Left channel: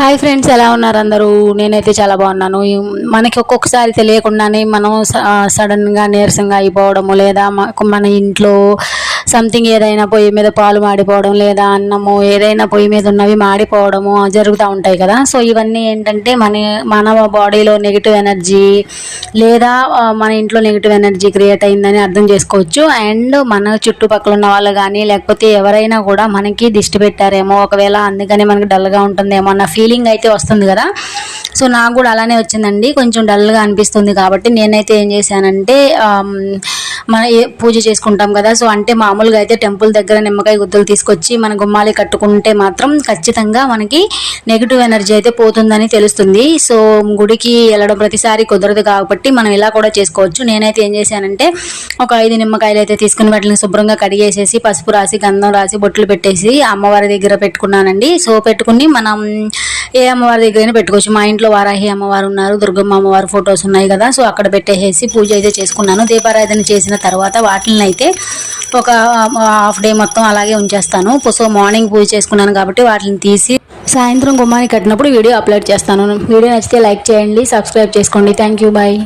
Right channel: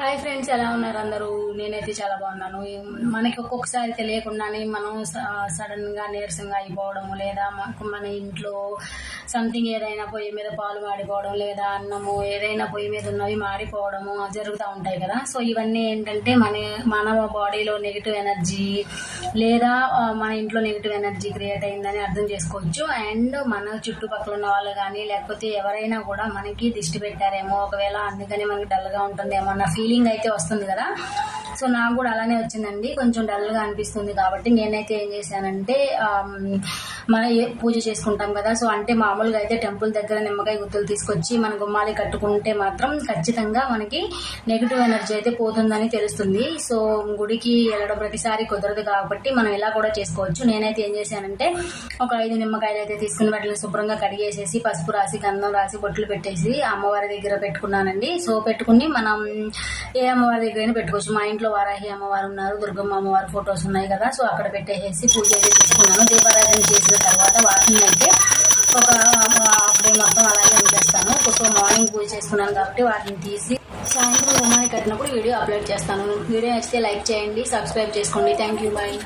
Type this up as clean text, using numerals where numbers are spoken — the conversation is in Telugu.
హాయ్ ఫ్రెండ్స్, ఎలా ఉన్నారు అందరూ? నేనైతే చాలా బాగున్నాను. మనకి ఒక్కొక్కసారి తెలియకుండానే మనం సడన్గా నీరసంగా అయిపోవడము, లేదా మన ఇంట్లో సంథింగ్ ఏదైనా పొయ్యి మీద పాలు మాడిపోవడం, లేదా అన్నము ఏదైనా పొయ్యి మీద ఉన్నవి మాడిపోవడము జరుగుతూ ఉంటాయి కదా. సో ఇవన్నీ ఏంటంటే మన బాడీలో నెగిటివ్ ఎనర్జీ లేదా మన ఇంట్లో నెగిటివ్ ఎనర్జీ క్రియేట్ అయిందని అర్థం చేసుకోవచ్చు. అండ్ మన చుట్టుపక్కల ఉన్న వాళ్ళు కానీ లేకపోతే ఎవరైనా కూడా మనకి దిష్టి పెట్టారేమో, ఒకవేళ అందుకని మనకి డల్గా ఉంటుందేమో అన్న ఫీలింగ్ అయితే వస్తుంది కదా. సో నాకు కూడా అలానే వచ్చిందండి, కొంచెం డల్గా అనిపిస్తుంది. కాబట్టి నేనైతే ఏం చేశానంటే మన పూజ చేసుకుంటాం కదా. సో అంటే మామూలుగా అయితే టెంపుల్ దగ్గర నిమ్మకాయ గుత్తులు తీసుకొచ్చి మన గుమ్మాలి కట్టుకుంటే మాత్రం ఖచ్చితంగా మనకి నెగిటివ్ ఎనర్జీ అయితే పోతుందని తెలుస్తుంది. సో గుడికి వెళ్ళడం ప్రతిసారి కుదరదు కాబట్టి మనం ఇలా కూడా చేసుకోవచ్చు. నేనైతే ఏం చేశానంటే ఒక 5 నిమ్మకాయలు అయితే తీసుకుని వాటిని శుభ్రంగా కడిగేసేసి పసుపు రాసి గంధం రాసి బొట్లు పెట్టేసి అమ్మవారి దగ్గర పెట్టుకున్నానండి. సో పెట్టుకుని మనం ఏ అమ్మవారి దగ్గరైనా పెట్టుకోవచ్చు. మా ఇంట్లో వారాహి అమ్మవారు ఉన్నారు, దుర్గమ్మ అమ్మవారి ఫొటోస్ ఉన్నాయి కదా. సో అక్కడ పెట్టేసి పూజ అయితే చేసుకున్నాను. దీపారాధన చేసిన తర్వాత వాటిని అయితే ఒక హాఫ్ డే మొత్తం అలాగే ఉంచేస్తాను. సో మార్నింగ్ పూజ చేసుకున్నాను కాబట్టి వాటిని తీసి సాయంత్రం గుమ్మానికి కట్టినప్పుడు వీడియో అప్లోడ్ చేస్తాను. వీడియో నచ్చితే లైక్ చేయండి, సబ్స్క్రైబ్ చేసుకోండి. Thank you, bye.